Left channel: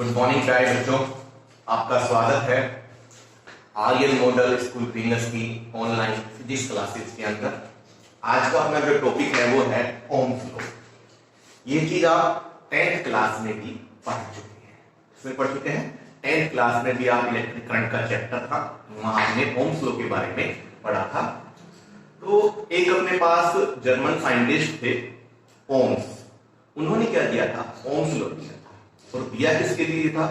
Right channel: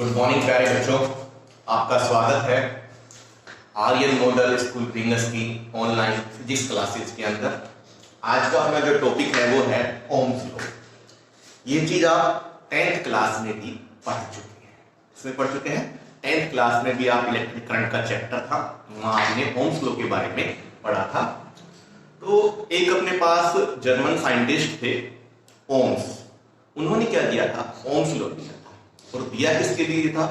Good morning प्यारे बच्चों, आपका स्वागत है आर्यन मॉडल स्कूल प्रीमियर्स की ऑनलाइन फिजिक्स क्लासेस के अंदर। आज का अपना जो टॉपिक है वो है ओम्स लॉ। ये चीज आप 10th क्लास में भी पढ़ चुके हैं। इसमें पढ़ चुके हैं 10th क्लास में भी आप इलेक्ट्रिक करंट का चैप्टर था, वहां आपने ओम्स लॉ के बारे में पढ़ा था। तो एक अपने पास जर्मन साइंटिस्ट थे ओम्स, उन्होंने क्या किया था, ओम्स लॉ दिया था। और दिया किसके लिए था,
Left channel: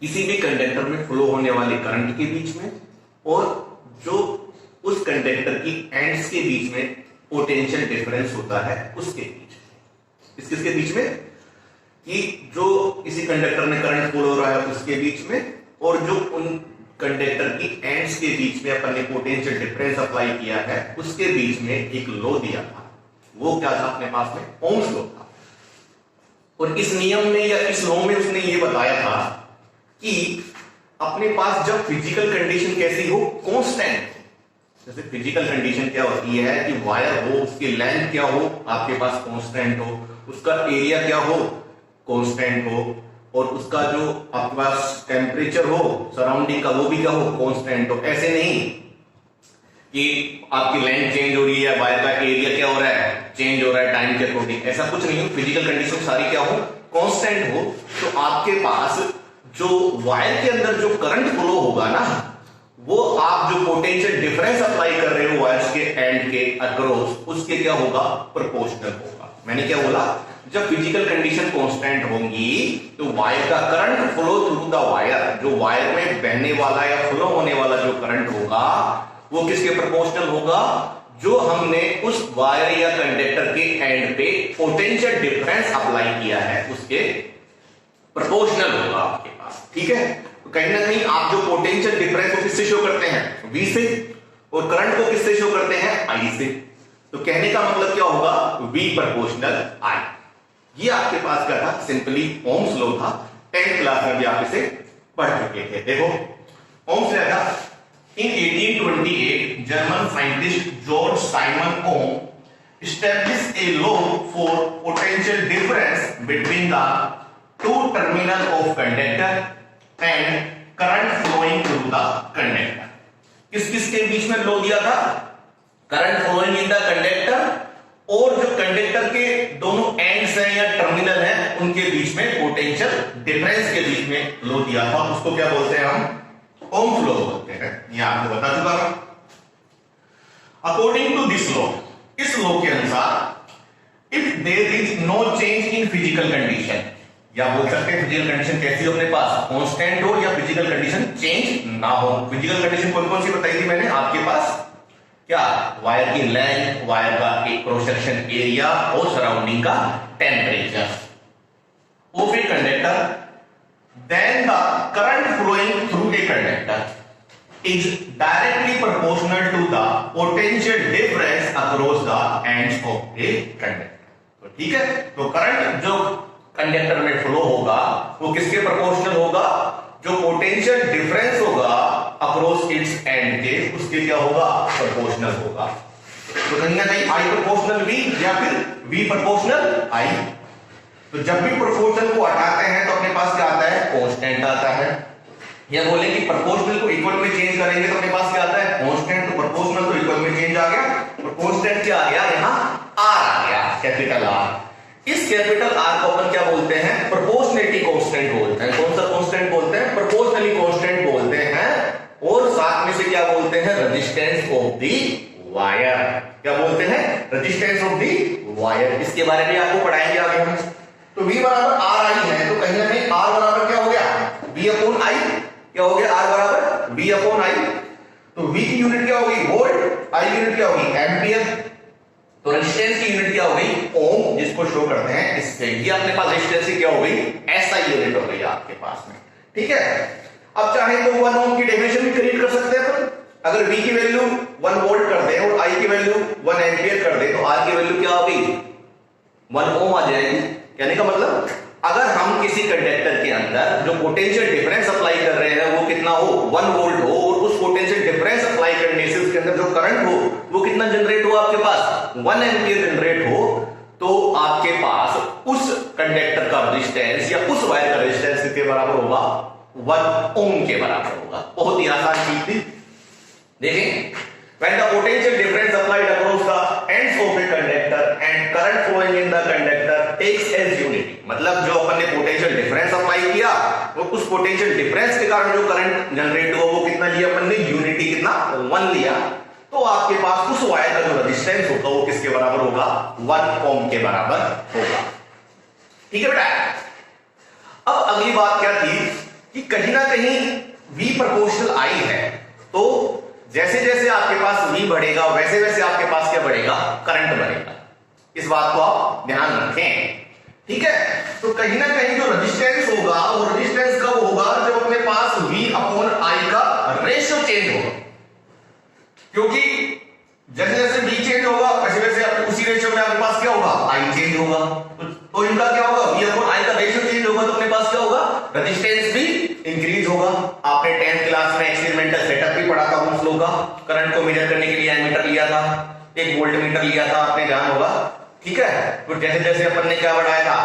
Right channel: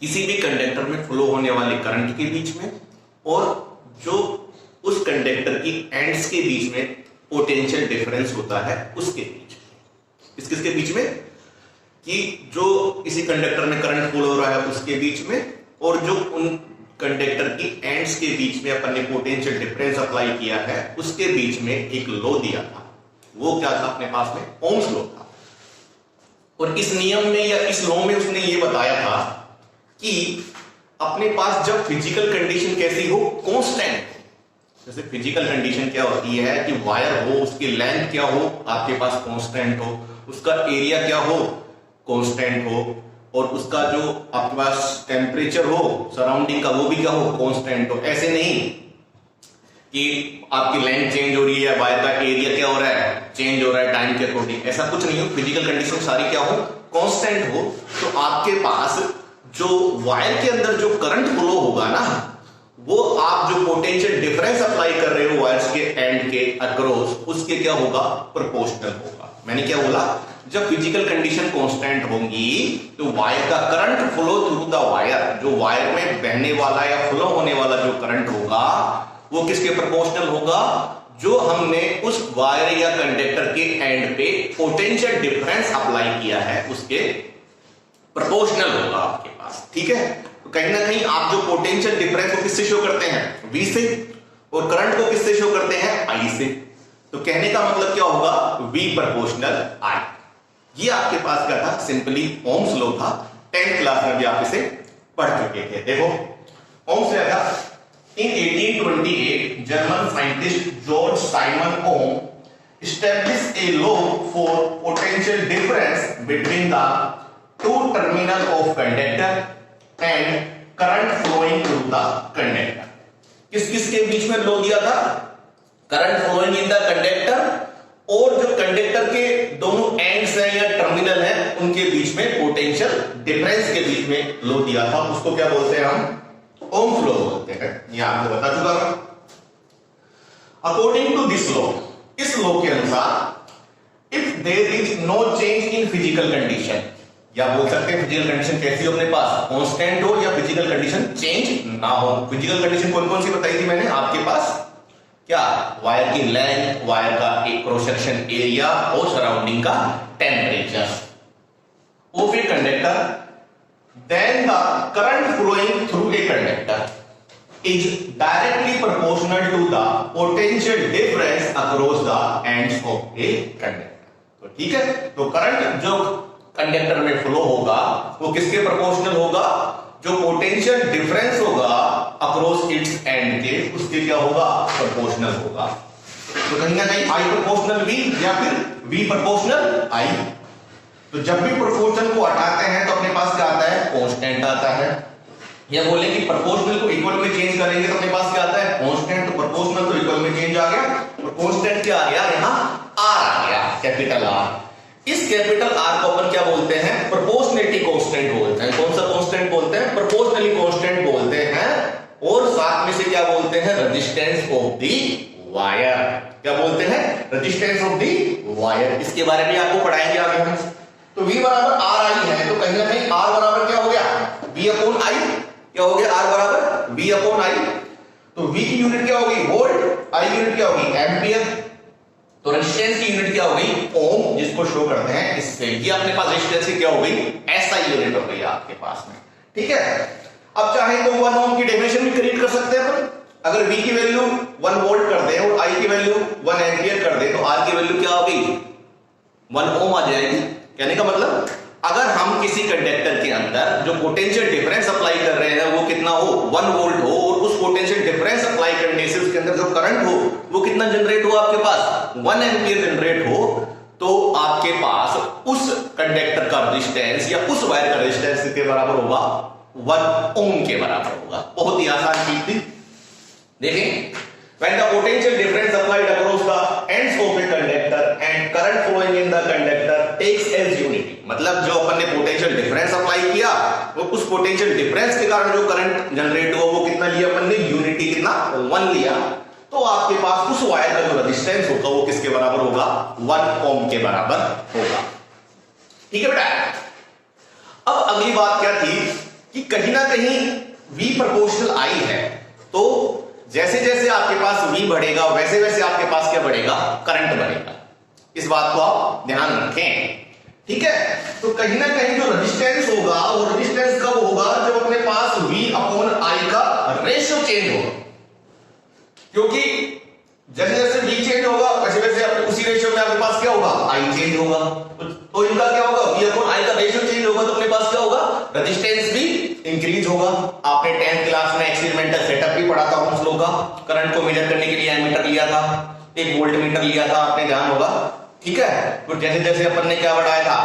किसी भी कंडक्टर में फ्लो होने वाले करंट के बीच में और जो उस कंडक्टर की एंड्स के बीच में पोटेंशियल डिफरेंस होता है उसके बीच में। किसके बीच में, कि जो किसी कंडक्टर में करंट फ्लो हो रहा है उसके बीच में और जो उन कंडक्टर की एंड्स के बीच में अपन ने पोटेंशियल डिफरेंस अप्लाई किया है उसके बीच में एक लॉ दिया था। वो क्या था अपने पास में, ओम्स लॉ था। और इस नियम में या इस लॉ में उसने ये बताया था कि अपने पास जब फिजिकल कंडीशन कैसी हो, कांस्टेंट। जैसे फिजिकल कंडीशन क्या होती है कि वायर हो, उसकी लेंथ क्या हो, आपके पास कांस्टेंट हो, उसका एरिया क्या हो, कांस्टेंट हो, और उसका जो आपके पास टेम्परेचर हो सराउंडिंग का वो भी क्या हो, कांस्टेंट हो। ऐसे नहीं कि आपकी लेंथ चेंज हो रही है, वायर का एरिया क्या हो रहा है, चेंज हो रहा है टाइम के अकॉर्डिंग, ऐसा कुछ नहीं। फिजिकल कंडीशन सारी क्या हो, कांस्टेंट हो। तो आपके पास जो वायर के अंदर जो करंट फ्लो होगा ना, वो आप जो पोटेंशियल डिफरेंस अप्लाई कर रहे हो वायर्स के एंड के अक्रॉस, उसके क्या होगा, प्रोपोर्शनल होगा। मैंने क्या बोला, जब फिजिकल कंडीशन कांस्टेंट होंगी तो वायर का current flow through the wire, जो वायर में बहने वाला या फ्लो होने वाला जो करंट होगा वो किसके प्रोपोर्शनल होगा, जो हमने उस वायर या कंडक्टर के एंड पे पोटेंशियल डिफरेंस अप्लाई किया है उसके प्रोपोर्शनल होगा आपके पास। ठीक है, तो कहीं ना कहीं आप जो पोटेंशियल डिफरेंस को किससे शो करते हैं, V से, और करंट को किससे शो करते हैं, I से। तो कहने का मतलब क्या होगा, V प्रोपोर्शनल I। ये आपके पास क्या था, सिंपली ओम्स लॉ था। 10th क्लास में भी आप इसे पढ़ चुके थे। देखो ओम्स क्या था, in 1828 German scientist George Simon Ohm established a law for potential difference between the two terminals of conductor and current flowing through the conductor। किसके बीच में लॉ दिया था, current flowing in the conductor और जो conductor के दोनों ends हैं या टर्मिनल हैं उनके बीच में पोटेंशियल डिफरेंस के बीच में लॉ दिया था। उसको क्या बोलते हैं हम, ओम्स लॉ बोलते हैं। यह आपको बता चुका था। अकॉर्डिंग टू दिस लॉ, इस लॉ के अनुसार if there is no change in physical condition, या बोल सकते हैं फिजिकल कंडीशन कैसी हो अपने पास, कांस्टेंट हो या फिजिकल कंडीशन चेंज ना हो। फिजिकल कंडीशन कौन कौन सी बताई थी मैंने आपके पास, क्या, वायर की लेंथ, वायर का एक क्रॉस सेक्शन एरिया और सराउंडिंग का temperature of a conductor, then the current flowing through a conductor is directly proportional to the potential difference across the ends of a conductor। तो ठीक है, तो current जो conductor में फ्लो होगा वो किसके प्रोपोर्शनल होगा, जो पोटेंशियल डिफरेंस होगा अक्रॉस इट्स एंड के, उसके क्या होगा, प्रोपोर्शनल होगा। तो कहीं ना कहीं I प्रोपोर्शनल V या फिर V प्रोपोर्शनल I। तो जब भी प्रोपोर्शनल को हटाते हैं तो अपने पास क्या आता है, कांस्टेंट आता है। या बोले कि प्रोपोर्शनल को इक्वल में चेंज करेंगे तो अपने पास क्या आता है, कांस्टेंट। तो प्रोपोर्शनल तो इक्वल में चेंज आ गया, और कांस्टेंट क्या आ गया, यहां R आ गया, कैपिटल R। इस कैपिटल R को अपन क्या बोलते हैं, प्रोपोर्शनलिटी कांस्टेंट बोलते हैं। कौन सा कांस्टेंट बोलते हैं, प्रोपोर्शनली कांस्टेंट बोलते हैं। और साथ में से क्या बोलते हैं, रेजिस्टेंस ऑफ द वायर। क्या बोलते हैं, रेजिस्टेंस ऑफ द वायर। इसके बारे में आपको पढ़ाएंगे आगे हम। तो V बराबर आर आई है, तो कहीं ना कहीं R बराबर क्या हो गया, V अपॉन I। क्या हो गया, R बराबर V अपॉन I। तो V की यूनिट क्या होगी, वोल्ट, I यूनिट क्या होगी, एम्पियर। तो रेजिस्टेंस की यूनिट क्या हो गई, ओम, जिसको शो करते हैं इससे। ये अपने पास रेजिस्टेंस की क्या हो गई, SI यूनिट हो गई आपके पास में। ठीक है, अब चाहे तो 1 ओम की डेफिनेशन भी क्रिएट कर सकते हैं अपन। अगर V की वैल्यू 1 वोल्ट कर दे और I की वैल्यू 1 एम्पियर कर दे तो R की वैल्यू क्या होगी, 1 ओम आ जाएगी। कहने का मतलब अगर हम किसी कंडक्टर के अंदर जो पोटेंशियल डिफरेंस अप्लाई कर रहे हैं वो कितना हो, 1 वोल्ट हो, और उस पोटेंशियल डिफरेंस अप्लाई करने से उसके अंदर जो करंट हो वो कितना जनरेट हो आपके पास, 1 एम्पियर जनरेट हो, तो आपके पास उस कंडक्टर का रेजिस्टेंस या उस वायर का रेजिस्टेंस किसके बराबर होगा? 1 ओम के बराबर होगा। बहुत ही आसान चीज थी। देखें, when the potential difference applied across the ends of a conductor and current flowing in the conductor takes as unity, मतलब जो अपन ने पोटेंशियल डिफरेंस अप्लाई किया वो उस पोटेंशियल डिफरेंस के कारण जो करंट जनरेट हुआ वो कितना लिया अपन ने? यूनिटी कितना? 1 लिया। तो आपके पास उस वायर का जो रेजिस्टेंस होगा वो किसके बराबर होगा? 1 ओम के बराबर होगा। ठीक है बेटा। अब अगली बात क्या थी कि कहीं ना कहीं V प्रोपोर्शनल I है, तो जैसे जैसे आपके पास V बढ़ेगा वैसे वैसे आपके पास क्या बढ़ेगा? करंट बढ़ेगा। इस बात को आप ध्यान रखें। ठीक है। तो कहीं ना कहीं जो रेजिस्टेंस होगा वो रेजिस्टेंस कब होगा? जब अपने पास V अपॉन I का रेशियो चेंज होगा, क्योंकि जैसे जैसे V चेंज होगा वैसे वैसे उसी रेशियो में आपके पास क्या होगा? I चेंज होगा। तो इनका क्या होगा? V अपॉन I का रेशियो चेंज होगा तो अपने पास क्या होगा? रेजिस्टेंस भी इंक्रीज होगा। आपने 10th क्लास में एक्सपेरिमेंटल सेटअप भी पढ़ा था ओम्स लॉ का। करंट को मेजर करने के लिए एमीटर लिया था, एक वोल्टमीटर लिया था, आपने ध्यान होगा। ठीक है। तो जैसे जैसे अपन ने क्या बढ़ाया था?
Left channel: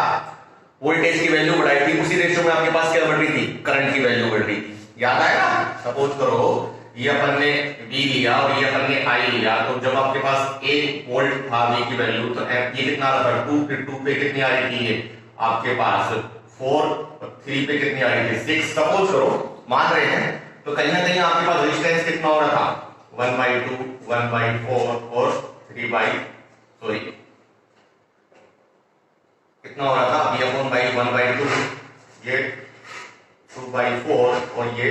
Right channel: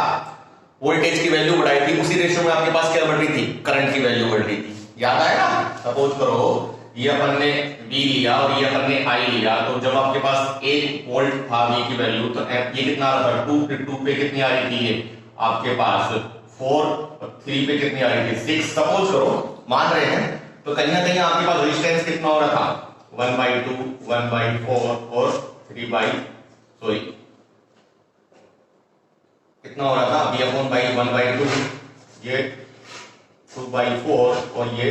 वोल्टेज की वैल्यू बढ़ाई थी, उसी रेशियो में आपके पास क्या बढ़ रही थी? करंट की वैल्यू बढ़ रही थी। याद आया ना? सपोज करो ये अपन ने V लिया और ये अपन ने I लिया, तो जब आपके पास 1 वोल्ट था V की वैल्यू, तो ये कितना आ रहा था? 2, फिर 2 पे कितनी आ रही थी? ये आपके पास 4, और 3 पे कितनी आ रही थी? 6। सपोज करो, मान रहे हैं, तो कहीं ना कहीं आपके पास रेजिस्टेंस कितना हो रहा था? 1/2, 1/4 और 3/, कितना हो रहा था? V अपॉन 1/2, ये 2/4 और ये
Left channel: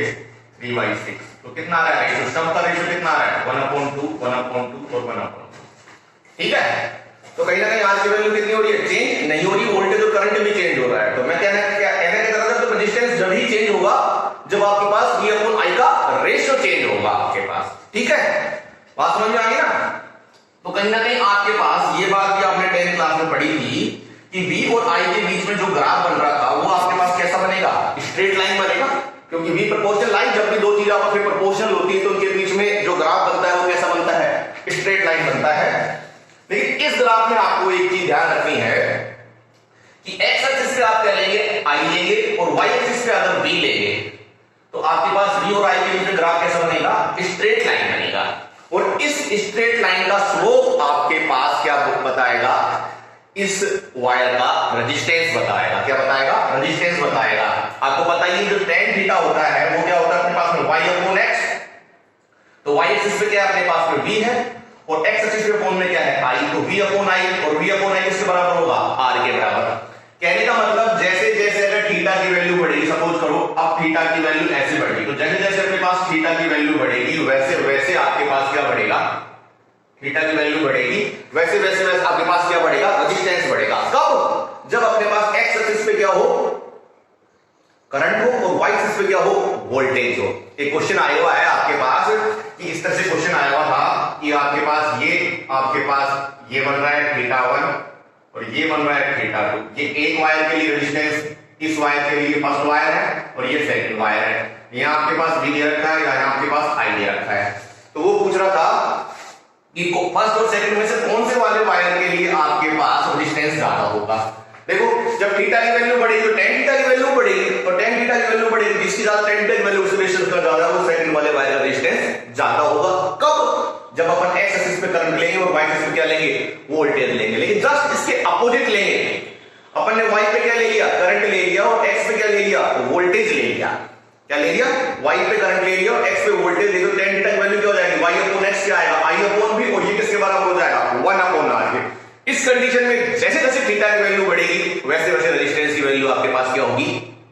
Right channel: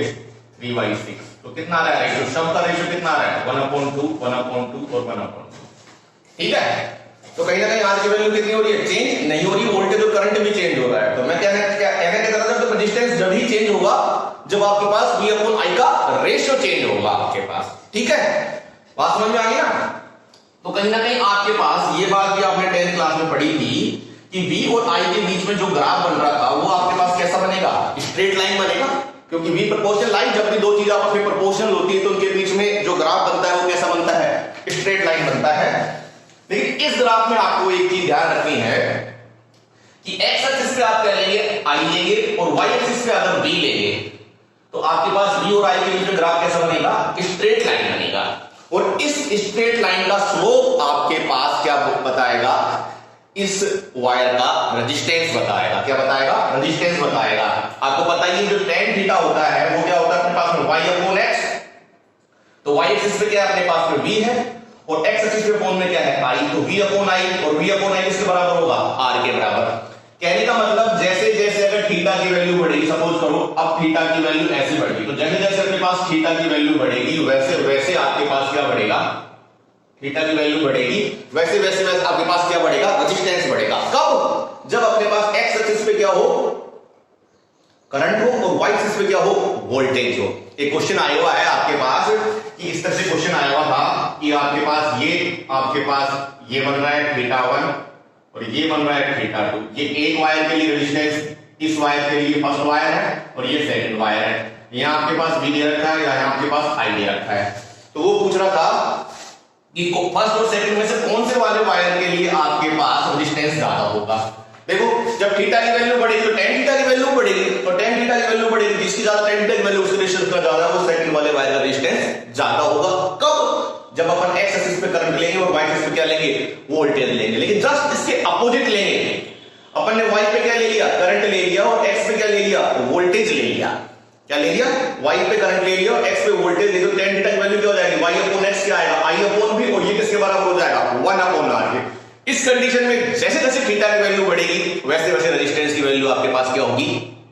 3/6। तो कितना आ रहा है? सब का रेशियो कितना आ रहा है? 1/2, 1/2 और 1/2। ठीक है। तो कहीं ना कहीं आर की वैल्यू कितनी हो रही है? चेंज नहीं हो रही। वोल्टेज और करंट भी चेंज हो रहा है। तो मैं कहने का मतलब तो रेजिस्टेंस जब ही चेंज होगा जब आपके पास V अपॉन I का रेशियो चेंज होगा आपके पास। ठीक है, बात समझ में आ गई ना? तो कहीं ना कहीं आपके पास ये बात भी आपने 10th क्लास में पढ़ी थी कि V और I के बीच में जो ग्राफ बन रहा था वो आपके पास कैसा बनेगा? स्ट्रेट लाइन बनेगा, क्योंकि V प्रोपोर्शनल लाइन, जब भी दो चीजें आपस में प्रोपोर्शनल होती है तो उनके बीच में जो ग्राफ बनता है वो कैसा बनता है? स्ट्रेट लाइन बनता है। लेकिन इस ग्राफ में आपको एक चीज ध्यान रखनी है कि एक्स एक्सिस पे आप क्या लेंगे? I लेंगे, और वाई एक्सिस पे अगर V लेंगे तो आपके पास V और I के बीच में ग्राफ कैसा बनेगा? स्ट्रेट लाइन बनेगा। और इस स्ट्रेट लाइन का स्लोप आपके पास क्या बताएगा? इस वायर का रेजिस्टेंस बताएगा। क्या बताएगा? रेजिस्टेंस बताएगा। आपको पता ही है जो tan थीटा होता है वो क्या होता है अपने पास में? y upon x। तो y एक्सिस पे क्या है अपने पास में? v है, और x एक्सिस पे अपॉन में क्या है? i। तो v अपॉन i, और v अपॉन i किसके बराबर होगा? r के बराबर। कहने का मतलब जैसे जैसे अगर थीटा की वैल्यू बढ़ेगी, सपोज करो अब थीटा की वैल्यू ऐसे बढ़ेगी, तो जैसे जैसे अपने पास थीटा की वैल्यू बढ़ेगी वैसे वैसे आपके पास क्या बढ़ेगा? थीटा की वैल्यू बढ़ेगी वैसे वैसे वैसे आपके पास क्या बढ़ेगा? रेजिस्टेंस बढ़ेगा। कब? जब अपने पास एक्स एक्सिस पे क्या हो? करंट हो, और वाई एक्सिस पे क्या हो? वोल्टेज हो। एक क्वेश्चन आया हुआ है आपके पास कि इस तरह से क्वेश्चन आया हुआ था कि आपके पास ये बन रहा है θ1 और ये बन रहा है θ2। ये एक वायर के लिए रेजिस्टेंस, इस वायर के लिए फर्स्ट वायर है और ये सेकंड वायर है। यहां आपके पास V दे रखा है, यहां आपके पास I दे रखा है। तो वो पूछ रहा था कि फर्स्ट और सेकंड में से कौन से वाले वायर के लिए आपके पास रेजिस्टेंस ज्यादा होगा। देखो जब थीटा की वैल्यू बढ़ेगी तो tan थीटा की वैल्यू बढ़ेगी, और tan थीटा की वैल्यू बढ़ेगी जिसकी ज्यादा tan थीटा की वैल्यू उसके रेजिस्टेंस का ज्यादा, वो सेकंड वाले वायर का रेजिस्टेंस ज्यादा होगा। कब? जब अपन x एक्सिस पे करंट लेंगे और y एक्सिस पे क्या लेंगे? वोल्टेज लेंगे। लेकिन जस्ट इसके अपोजिट लेंगे। अपन ने y पे क्या ले लिया? करंट ले लिया, और x पे क्या ले लिया? वोल्टेज ले लिया। क्या ले लिया? y पे करंट ले लिया और x पे वोल्टेज ले लिया। tan थीटा की वैल्यू क्या हो जाएगी? y अपॉन x क्या आएगा? I अपॉन v, और ये किसके बराबर हो जाएगा? 1 अपॉन r के। इस कंडीशन में जैसे जैसे थीटा की वैल्यू बढ़ेगी वैसे वैसे रेजिस्टेंस की वैल्यू आपके पास क्या होगी?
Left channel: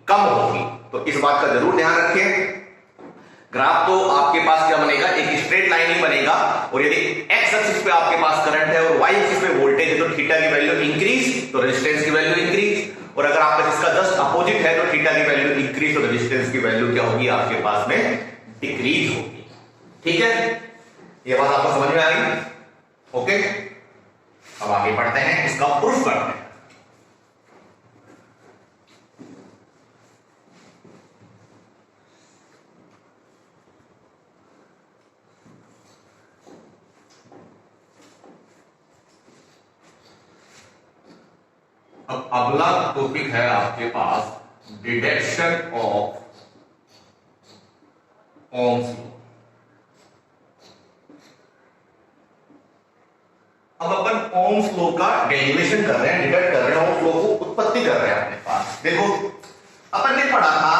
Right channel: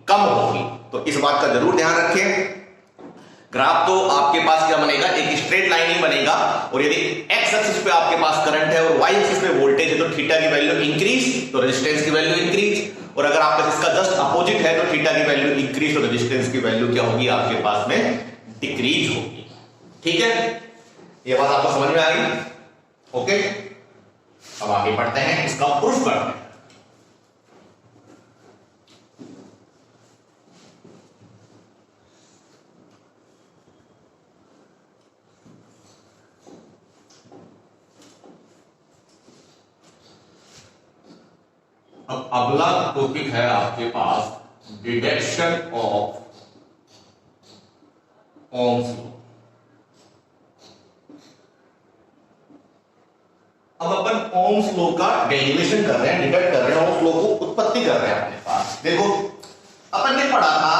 कम होगी। तो इस बात का जरूर ध्यान रखें। ग्राफ तो आपके पास क्या बनेगा? एक स्ट्रेट लाइन ही बनेगा, और यदि x एक्सिस पे आपके पास करंट है और y एक्सिस पे वोल्टेज है तो थीटा की वैल्यू इंक्रीज तो रेजिस्टेंस की वैल्यू इंक्रीज, और अगर आपका इसका जस्ट अपोजिट है तो थीटा की वैल्यू इंक्रीज तो रेजिस्टेंस की वैल्यू क्या होगी आपके पास में? डिक्रीज होगी। ठीक है, ये बात आपको समझ में आ गई? ओके, अब आगे बढ़ते हैं, इसका प्रूफ करते हैं। अब अगला टॉपिक है आपके पास डिडक्शन ऑफ ओम्स लॉ। अब अपन ओम्स लॉ का डेरिवेशन कर रहे हैं, डिडक्ट कर रहे हैं, ओम्स लॉ को उत्पत्ति कर रहे हैं अपने पास। देखो अपन ने पढ़ा था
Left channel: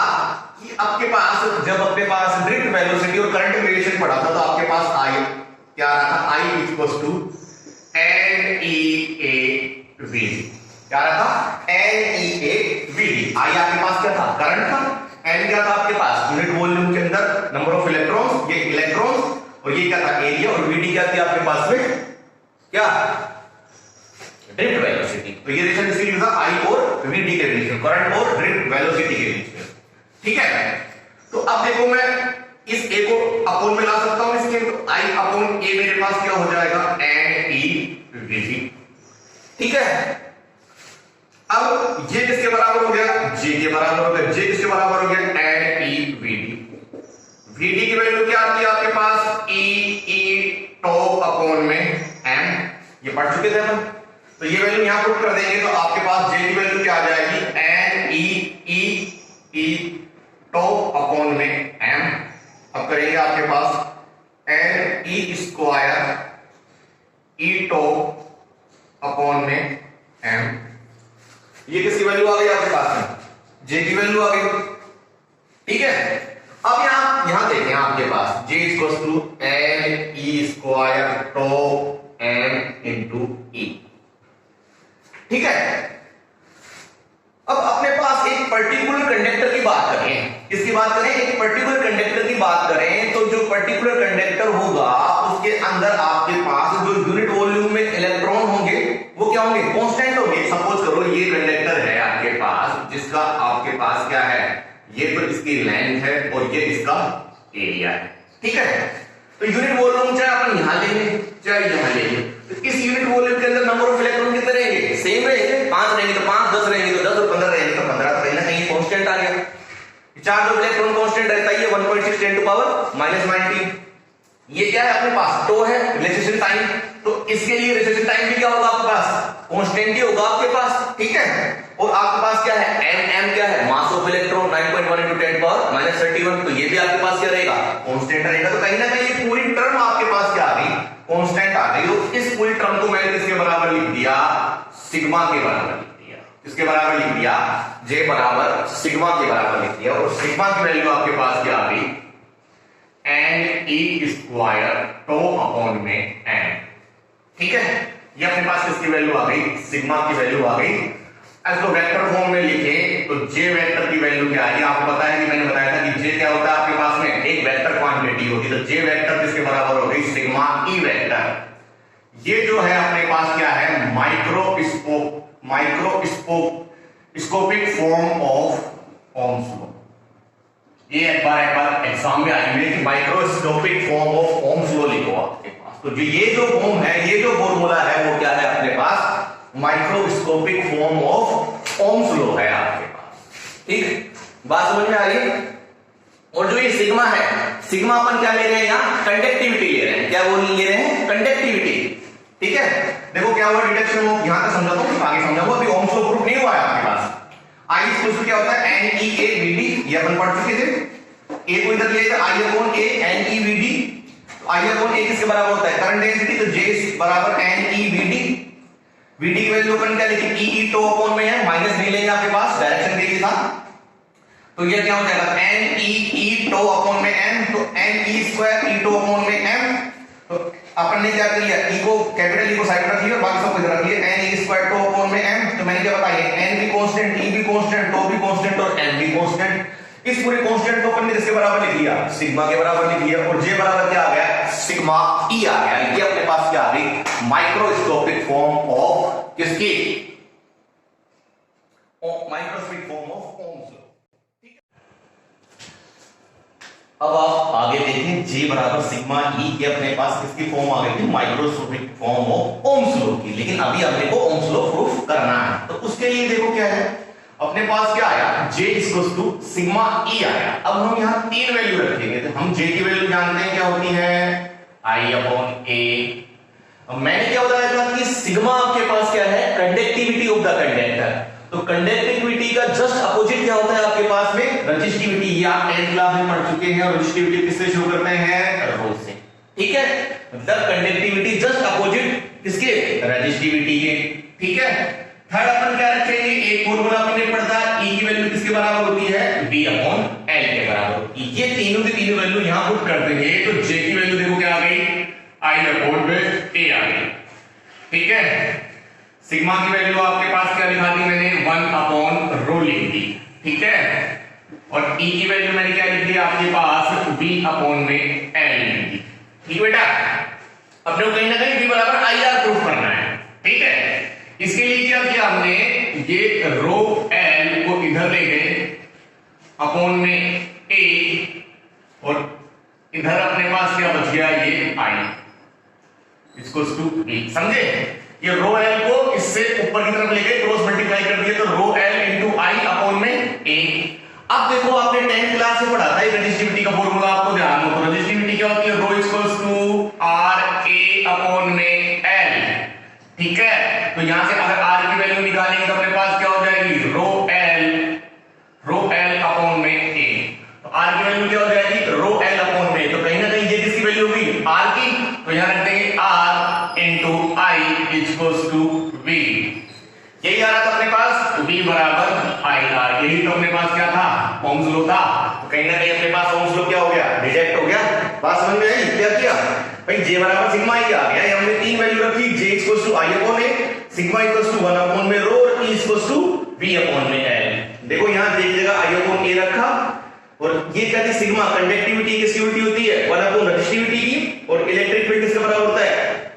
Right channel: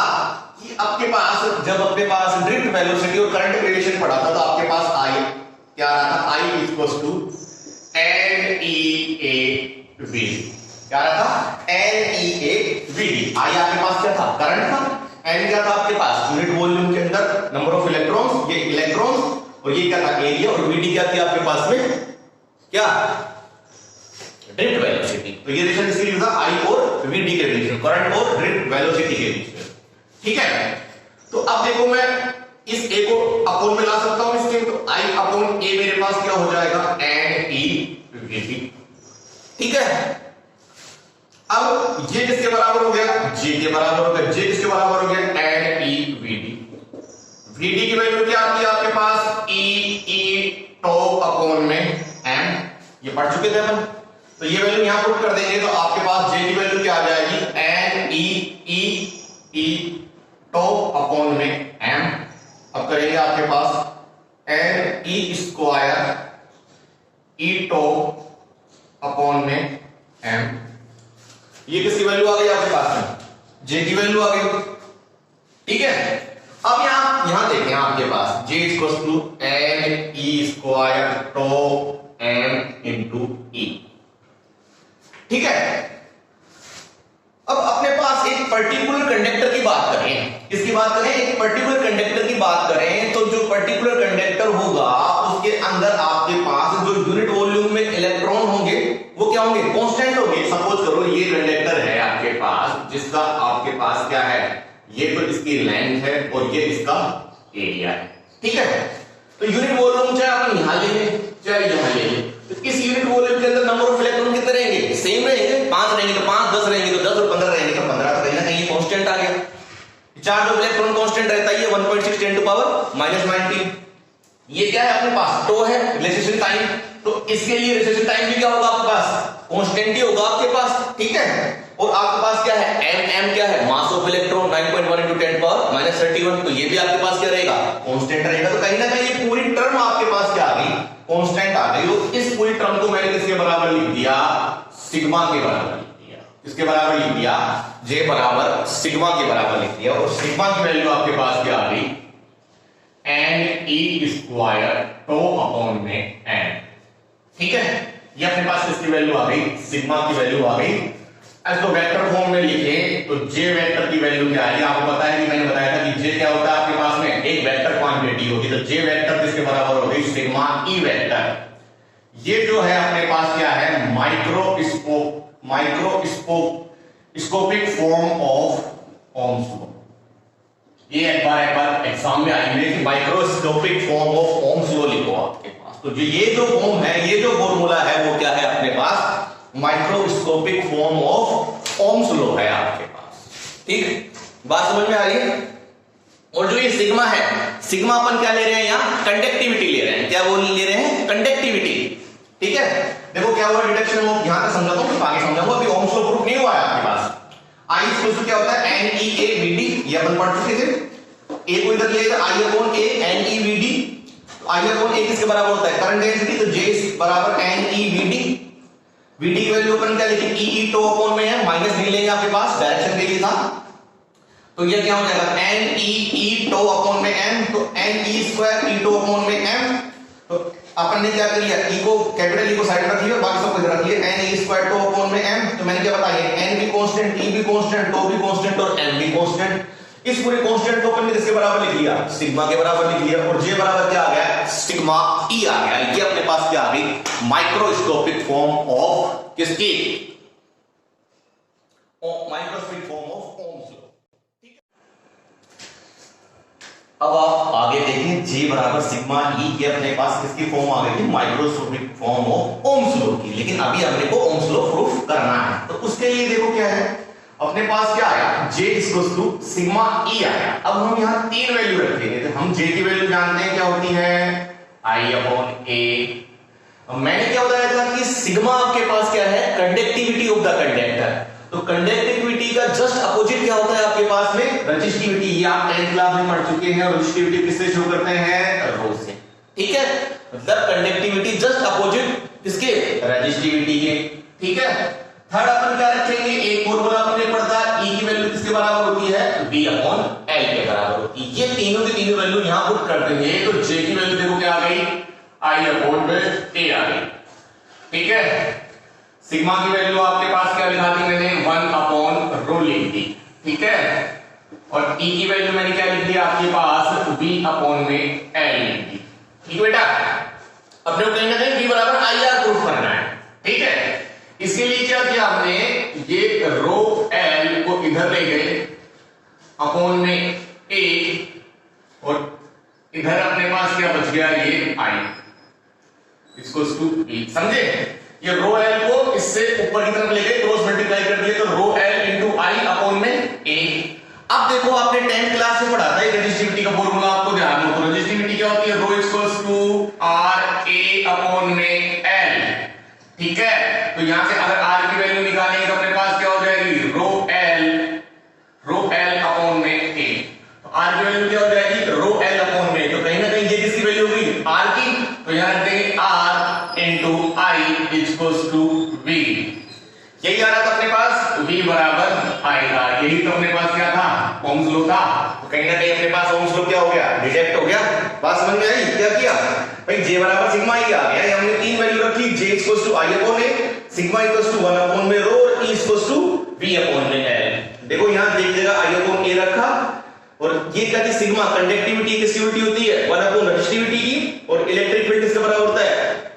कि आपके पास जब अपने पास ड्रिफ्ट वेलोसिटी और करंट रिलेशन पढ़ा था तो आपके पास आई क्या रहा था, I equals to N E A V. क्या रहा, N E A V D. I आपके पास क्या था, करंट था। एन क्या था आपके पास, यूनिट वॉल्यूम के अंदर नंबर ऑफ इलेक्ट्रॉन्स, ये इलेक्ट्रॉन्स, और ये क्या था, एरिया। और वी डी क्या थी आपके पास में, क्या, ड्रिफ्ट वेलोसिटी। तो ये रिलेशन इसके लिए था आई और वी डी के रिलेशन, करंट और ड्रिफ्ट वेलोसिटी के रिलेशन। ठीक है, तो अब देखो मैं इस ए को अपोन में ला सकता हूं इसके, तो आई अपोन ए मेरे पास क्या हो जाएगा, एन ई वी डी। ठीक है, अब ये किसके बराबर हो गया, जे के बराबर हो गया। जे किसके बराबर हो गया, N E V D. V D की वैल्यू क्या आती है आपके पास, ई टॉप अपॉन में एम। ये पढ़ चुके थे अपन, तो ये वैल्यू यहां पुट कर देंगे तो आपके पास जे की वैल्यू क्या आ जाएगी, एन ई टॉप अपॉन में एम। अब करेंगे आपके पास एन ई स्क्वायर ई टॉप अपॉन में एम। ये किसकी वैल्यू आ गई आपके पास में, जे की वैल्यू आ गई। ठीक है, अब यहां देखें आपके पास J equals to N E square tau M into E. ठीक है, अब अपने पास एक पर्टिकुलर कंडक्टर की बात करें, किसकी बात करें, एक पर्टिकुलर कंडक्टर की बात करें, तो जो पर्टिकुलर कंडक्टर होगा उसके अंदर आपके पास जो यूनिट वॉल्यूम में इलेक्ट्रॉन होंगे वो क्या होंगे, कांस्टेंट होंगे। सपोज करो ये कंडक्टर है आपके पास, जिसका आपके पास क्या है, ये तो इसकी लेंथ है और ये इसका एरिया है। ठीक है, तो यूनिट वॉल्यूम चाहे अपन यहां लेंगे चाहे यहां लेंगे, तो इस यूनिट वॉल्यूम के अंदर नंबर ऑफ इलेक्ट्रॉन कितने रहेंगे, सेम रहेंगे। 5 रहेंगे तो 5, 10 रहेंगे तो 10, और 15 रहेंगे तो 15। तो कहीं ना कहीं कांस्टेंट आ गया। चार्ज ऑफ इलेक्ट्रॉन कांस्टेंट रहता है 1.6 10 टू पावर -19। ये क्या है अपने पास, टो है, रिलेशनशिप टाइम। तो इसके लिए रिलेशनशिप टाइम भी क्या होगा आपके पास, कांस्टेंट ही होगा आपके पास। ठीक है, और आपके पास क्या है, एम क्या है, मास ऑफ इलेक्ट्रॉन 9.1 × 10 पावर -31। तो ये भी आपके पास क्या रहेगा, कांस्टेंट रहेगा। तो कहीं ना कहीं ये पूरी टर्म आपके पास क्या आ गई, कांस्टेंट आ गई। तो इस पूरी टर्म को मैंने किसके बराबर लिख दिया, सिग्मा के बराबर लिख दिया। किसके बराबर लिख दिया, जे बराबर सिग्मा के बराबर लिख दिया। और सिग्मा की वैल्यू आपके पास क्या आ गई, N E square tau upon में एम। ठीक है, ये अपने पास किसकी वैल्यू आ गई, सिग्मा की वैल्यू आ गई। इसको वेक्टर फॉर्म में लिखे तो जे वेक्टर की वैल्यू क्या आई, आपको पता है कि मैंने बताया था कि जे क्या होता है आपके पास में, एक वेक्टर क्वांटिटी होगी। तो जे वेक्टर किसके बराबर हो गई, सिग्मा ई वेक्टर। ये जो है अपने पास क्या है, microscopic form of Ohm's law. ये एक बार एग्जाम में आएंगे कि microscopic form of Ohm's law लिखो आपके पास। तो जो ये जो फॉर्म है, ये जो फॉर्मूला है वो क्या है अपने पास, microscopic form of Ohm's law है आपके पास। ठीक है, बात समझ में आ रही है। और जो ये सिग्मा है, सिग्मा अपन क्या ले रहे हैं, यहाँ कंडक्टिविटी ले रहे हैं। क्या वो ले रहे हैं, कंडक्टिविटी। ठीक है, देखो क्या हुआ डिडक्शन, यहां तक समझाता हूं, आगे समझाऊंगा। अभी ओम्स लॉ प्रूफ नहीं हुआ है आपके पास। आई इक्वल क्या होता है, N E A V D, ये अपन पढ़ चुके थे। ए को इधर लिया I upon A N E V D. I upon A किसके बराबर होता है, करंट डेंसिटी। तो जे बराबर N E V D. V D की वैल्यू अपन क्या लिखे, ई टो अपॉन में है, माइनस वी लेंगे आपके पास, डायरेक्शन के लिए था। तो ये क्या हो जाएगा, एन ई टो अपॉन में एम। तो N E square E tau upon में एम। तो अपन ने क्या किया, ई को कैपिटल ई को साइड में रखिए, बाकी सब कुछ रखिए। N E square tau upon में एम। तो मैंने क्या बताया, एन भी कांस्टेंट, ई भी कांस्टेंट, टो भी कांस्टेंट और एम भी कांस्टेंट। इस पूरे कांस्टेंट को अपन ने किसके बराबर लिख लिया, सिग्मा के बराबर लिख लिया। और जे बराबर क्या आ गया, सिग्मा ई आ गया। ये अपने पास क्या आ गई, माइक्रोस्कोपिक फॉर्म ऑफ किसकी, microscopic form of Ohm's law. अब आप आगे देखें, G बराबर सिग्मा ई, ये अपने पास किसकी फॉर्म आ गई थी, microscopic form of Ohm's law की। लेकिन अभी हमने को ओम्स लॉ प्रूफ करना है, तो उसके लिए देखो क्या है अपने पास, क्या आया, J equals to sigma E आया। अब हम यहाँ 3 वैल्यू रखेंगे। तो हम J की वैल्यू जानते हैं क्या होती है, I अपॉन ए। अब मैंने क्या बताया था कि सिग्मा आपके पास क्या है, कंडक्टिविटी ऑफ द कंडक्टर। तो कंडक्टिविटी का जस्ट अपोजिट क्या होता है आपके पास में, रजिस्टिविटी। ये आप 10th क्लास में पढ़ चुके हैं। और रजिस्टिविटी किससे शुरू करते हैं, रो से, ठीक है। मतलब कंडक्टिविटी जस्ट अपोजिट किसके, रजिस्टिविटी के, ठीक है। थर्ड अपन क्या रखेंगे, एक फॉर्मूला अपने पढ़ता है, ई की वैल्यू किसके बराबर होती है, v अपॉन l के बराबर होती है। ये तीनों की तीनों वैल्यू यहां पुट कर देंगे तो j की वैल्यू देखो क्या आ गई, i अपॉन में a आ गई, ठीक है। सिग्मा की वैल्यू आपके पास क्या लिखा दी मैंने, 1 अपॉन रो लिख दी, ठीक है। और e की वैल्यू मैंने क्या लिख दी आपके पास, v अपॉन में l लिख दी, ठीक बेटा। अपने को कहीं ना कहीं v बराबर ir प्रूफ करना है, ठीक है। इसके लिए क्या किया हमने, ये रो एल को इधर ले गए अपॉन में a, और इधर अपने पास क्या बच गया, ये i इसको टू b, समझे। ये रो एल को इससे ऊपर की तरफ ले गए, क्रॉस मल्टीप्लाई कर दिए, तो रो एल इंटू आई अपॉन में a। अब देखो आपने 10th क्लास में पढ़ा था रजिस्टिविटी का फॉर्मूला, आपको ध्यान हो तो रजिस्टिविटी क्या होती है, rho equals to R A upon में एल, ठीक है। तो यहां से अगर r की वैल्यू निकालेंगे तो अपने पास क्या हो जाएगी, रो एल अपॉन में a। तो r की वैल्यू क्या हो जाएगी, रो एल अपॉन में, तो कहीं ना कहीं ये किसकी वैल्यू होगी, r की। तो यहां रख देंगे r into I equals to v। यही आ रहा था अपने पास, v बराबर IR। यही तो अपने पास क्या था, ओम्स लॉ था। तो कहीं ना कहीं अपने पास ओम्स लॉ क्या हो गया, डिटेक्ट हो गया। बात समझ में आई, क्या किया भाई, j बराबर सिग्मा ही आ गया। ये हमने तीन वैल्यू रखी, j equals to i upon a, sigma equals to 1 upon में रो, और e equals to v upon में l। देखो यहां j की जगह i अपॉन a रखा, और ये क्या थी, सिग्मा कंडक्टिविटी किसकी उल्टी होती है, 1 अपॉन रजिस्टिविटी की, और इलेक्ट्रिक फील्ड किसके बराबर होता है,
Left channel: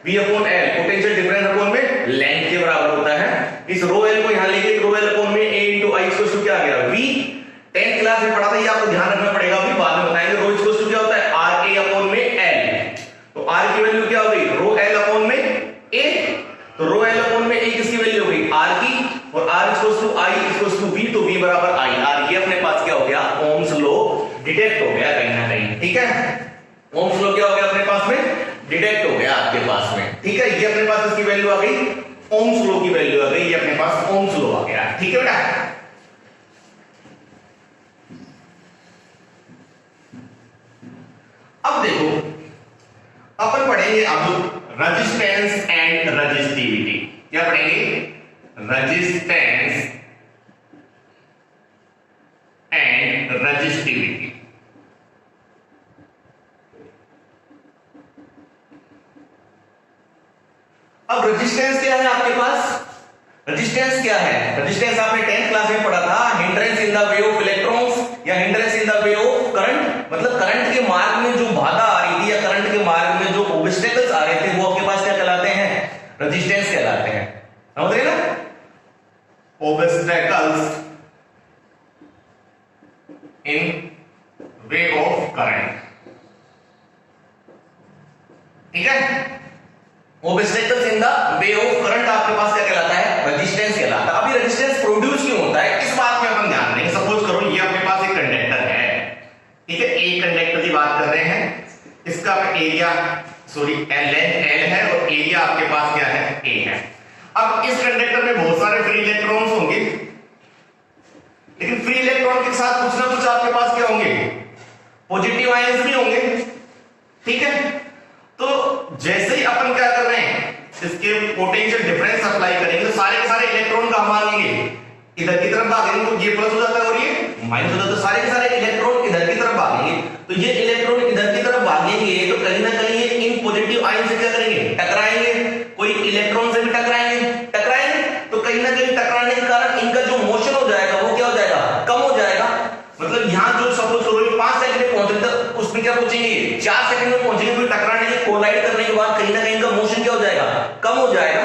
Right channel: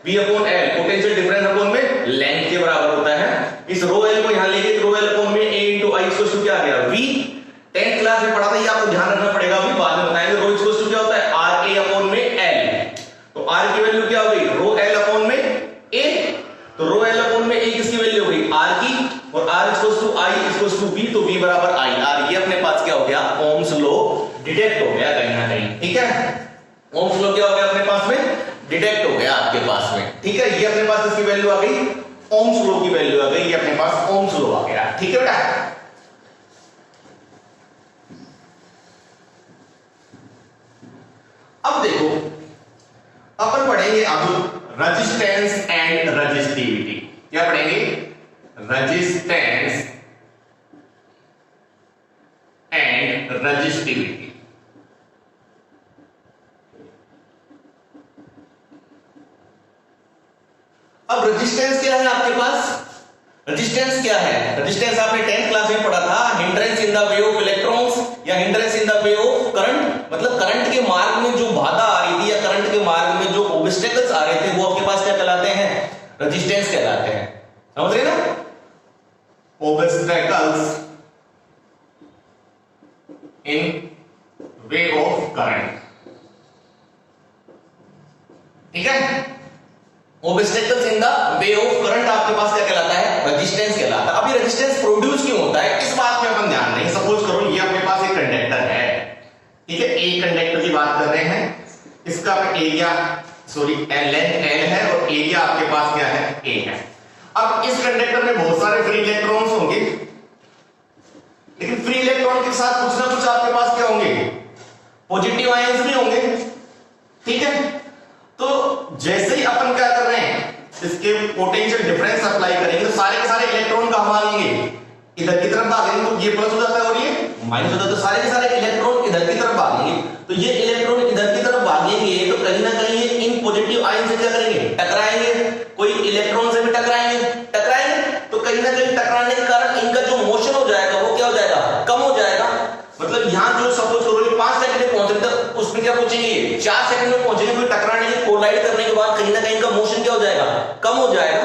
v upon l, potential difference upon में लेंथ के बराबर होता है। इस रो एल को यहां लेके रो एल अपॉन में a into i equals to क्या आ गया, v। 10th क्लास में पढ़ा था, ये आपको ध्यान रखना पड़ेगा, अभी बाद में बताएंगे। रो इक्वल्स टू क्या होता है, r a अपॉन में l। तो r की वैल्यू क्या हो गई, रो एल अपॉन में a। तो रो एल अपॉन में a किसकी वैल्यू हो गई, r की, और r equals to i equals to v, तो v बराबर IR। ये अपने पास क्या हो गया, ओम्स लॉ डिटेक्ट हो गया कहीं ना कहीं, ठीक है। ओम्स लॉ क्या हो गया अपने पास में, डिटेक्ट हो गया आपके पास में, ठीक है। ये अपने पास इसकी वैल्यू आ गई, ओम्स लॉ की वैल्यू आ गई, ये अपने पास ओम्स लॉ आ गया, ठीक है बेटा। अब देखो अपन पढ़ेंगे अब रेजिस्टेंस एंड रजिस्टिविटी। क्या पढ़ेंगे, रेजिस्टेंस एंड रजिस्टिविटी। अब रेजिस्टेंस क्या है आपके पास, रेजिस्टेंस क्या है, रेजिस्टेंस आपने 10th क्लास में पढ़ा था, hindrance in the way of electrons या hindrance in the way of current. मतलब करंट के मार्ग में जो बाधा आ रही थी या करंट के मार्ग में जो ऑब्स्टेकल्स आ रहे थे वो आपके पास क्या कहलाते हैं, रेजिस्टेंस कहलाते हैं, समझ रहे ना। Obstacles in way of current, ठीक है। Obstacles in the way of current आपके पास क्या कहलाता है, रेजिस्टेंस कहलाता है। अभी रेजिस्टेंस प्रोड्यूस क्यों होता है, इस बात पे अपन ध्यान देंगे। सपोज करो ये अपने पास एक कंडक्टर है, ठीक है, एक कंडक्टर की बात कर रहे हैं, इसका एरिया लेंथ L है और एरिया आपके पास क्या है, A है। अब इस कंडक्टर में बहुत सारे फ्री इलेक्ट्रॉन्स होंगे, लेकिन फ्री इलेक्ट्रॉन के साथ कुछ ना कुछ आपके पास क्या होंगे, पॉजिटिव आयंस भी होंगे, ठीक है। तो जैसे ही अपन क्या कर रहे हैं, इसके पोटेंशियल डिफरेंस अप्लाई करेंगे तो सारे के सारे इलेक्ट्रॉन कहां भागेंगे, इधर की तरफ भागेंगे, तो ये प्लस हो जाता है और ये माइनस हो जाता है, तो सारे के सारे इलेक्ट्रॉन इधर की तरफ भागेंगे। तो ये इलेक्ट्रॉन इधर की तरफ भागेंगे तो कहीं ना कहीं ये इन पॉजिटिव आयन से क्या करेंगे, टकराएंगे, कोई इलेक्ट्रॉन से भी टकराएंगे, तो कहीं ना कहीं टकराने के कारण इनका जो मोशन हो जाएगा वो क्या हो जाएगा, कम हो जाएगा। मतलब यहां जो सपोज करो 5 सेकंड में पहुंच रहे तो उसमें क्या पहुंचेंगे, 4 सेकंड में पहुंचेंगे, फिर टकराने के कोलाइड करने के बाद कहीं ना कहीं इनका मोशन क्या हो जाएगा, कम हो जाएगा,